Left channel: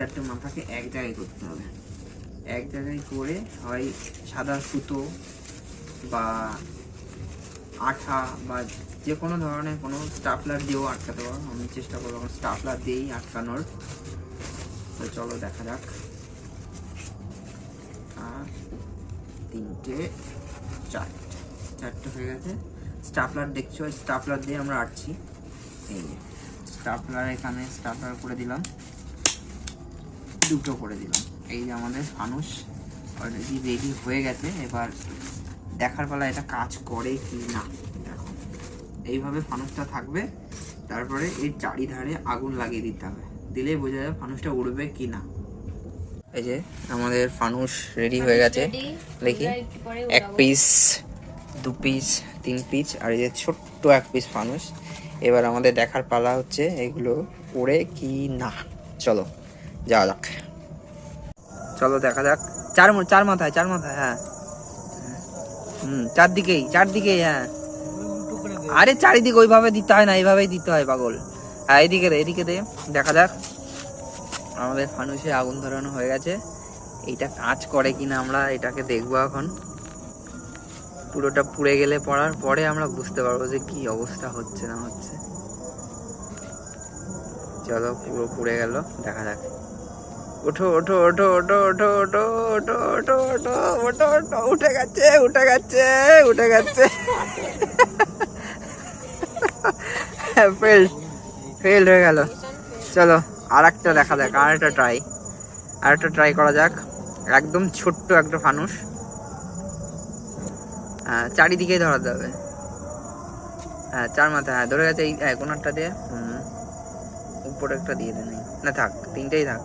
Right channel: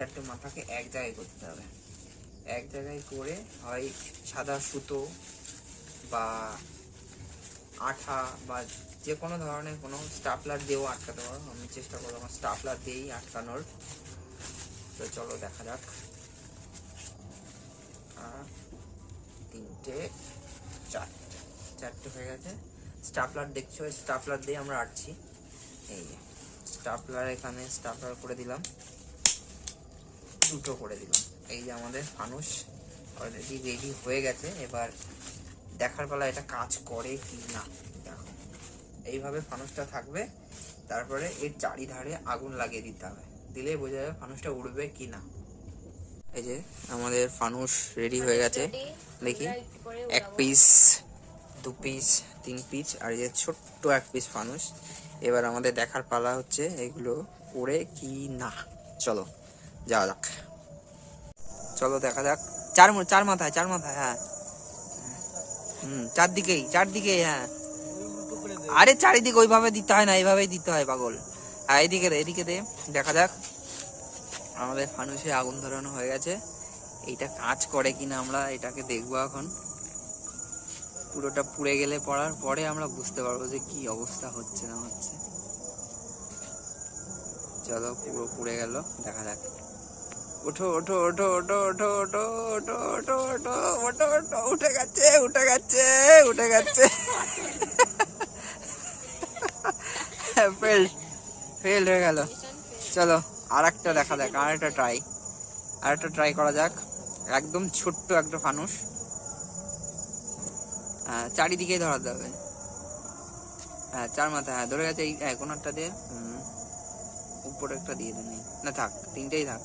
চারটে মাথাকে এক জায়গায় করতে হবে। এক জায়গায় করে হয় সাদা সুতো বা আঠা বা যে কোনো ধরনের কোনো স্টাপলার দিয়েও আটকাতে পারো। আমি চেষ্টা করবো স্টাপলার দিয়েই আটকানোর। তো চলো দেখা যাক। তিনটে চারটে হয়ে গেছে। স্টাপলার দেখছো, স্টাপলার দিয়ে আমরা আটছি। এই যে স্টাপলার, এখানে স্টাপলার করে দিলাম, দুটো করে দিলাম। এই যে আমাদের ফানুস অলরেডি রেডি হয়ে গেছে। এবার দেখার বেলা এটা কাজ করে কি না। দেখো এইভাবে ফানুসটা থাকবে, তারপরে এর চারিধারে আগুন লাগিয়ে দিতে হবে, দিলেই বোঝা যাবে ফানুসটা উড়বে কি না। এই যে আমাদের ফানুস রেডি হয়ে গেছে। দেখি, এক পিস, দু পিস, তিন পিস, আর এই যে ছোট্ট এক পিস ফানুস। এবার আমাদের দেখার পালা হচ্ছে এগুলো উড়ে কি না। চলো যাওয়া যাক, চলো দেখা যাক। চার মাথায়, হ্যাঁ চারদিকেই হ্যাঁ। আরে চারিদিকে ওইভাবে দিতে হয় না, এইভাবেই দিতে হয় পাগল। হ্যাঁ এদিকে দে, দেখা যাক। আমাদের ফানুসে আগুন ধরানো হয়ে গেছে। এইটা কাজ করে কিনা আমরা এটাকে দেখবো এখন। পুরোটা পুড়ে গেলে পড়ার পরে আমরা বুঝতে পারবো যে কি অবস্থা হচ্ছে না হচ্ছে। চলো পুরো পুড়ে গেল, দেখা যাক। ওঠো ওঠো ওঠো ওঠো ওঠো ওঠো ওঠো ওঠো ওঠো ওঠো ওঠো, উঠে গেছে উঠে গেছে উঠে গেছে। ফেল হয়ে গেল। চলো আর একটা দেখা যাক, আর একটা ট্রাই করা যাক। একদম ছোট্ট একটা ফানুস, চারিদিকে ধরাতে হবে। হ্যাঁ চার মাথা, হ্যাঁ ধরে গেছে। এই কোনারটা দিয়ে উপরে একটা দিয়ে দেন, না থাক, তিনটেই থাক।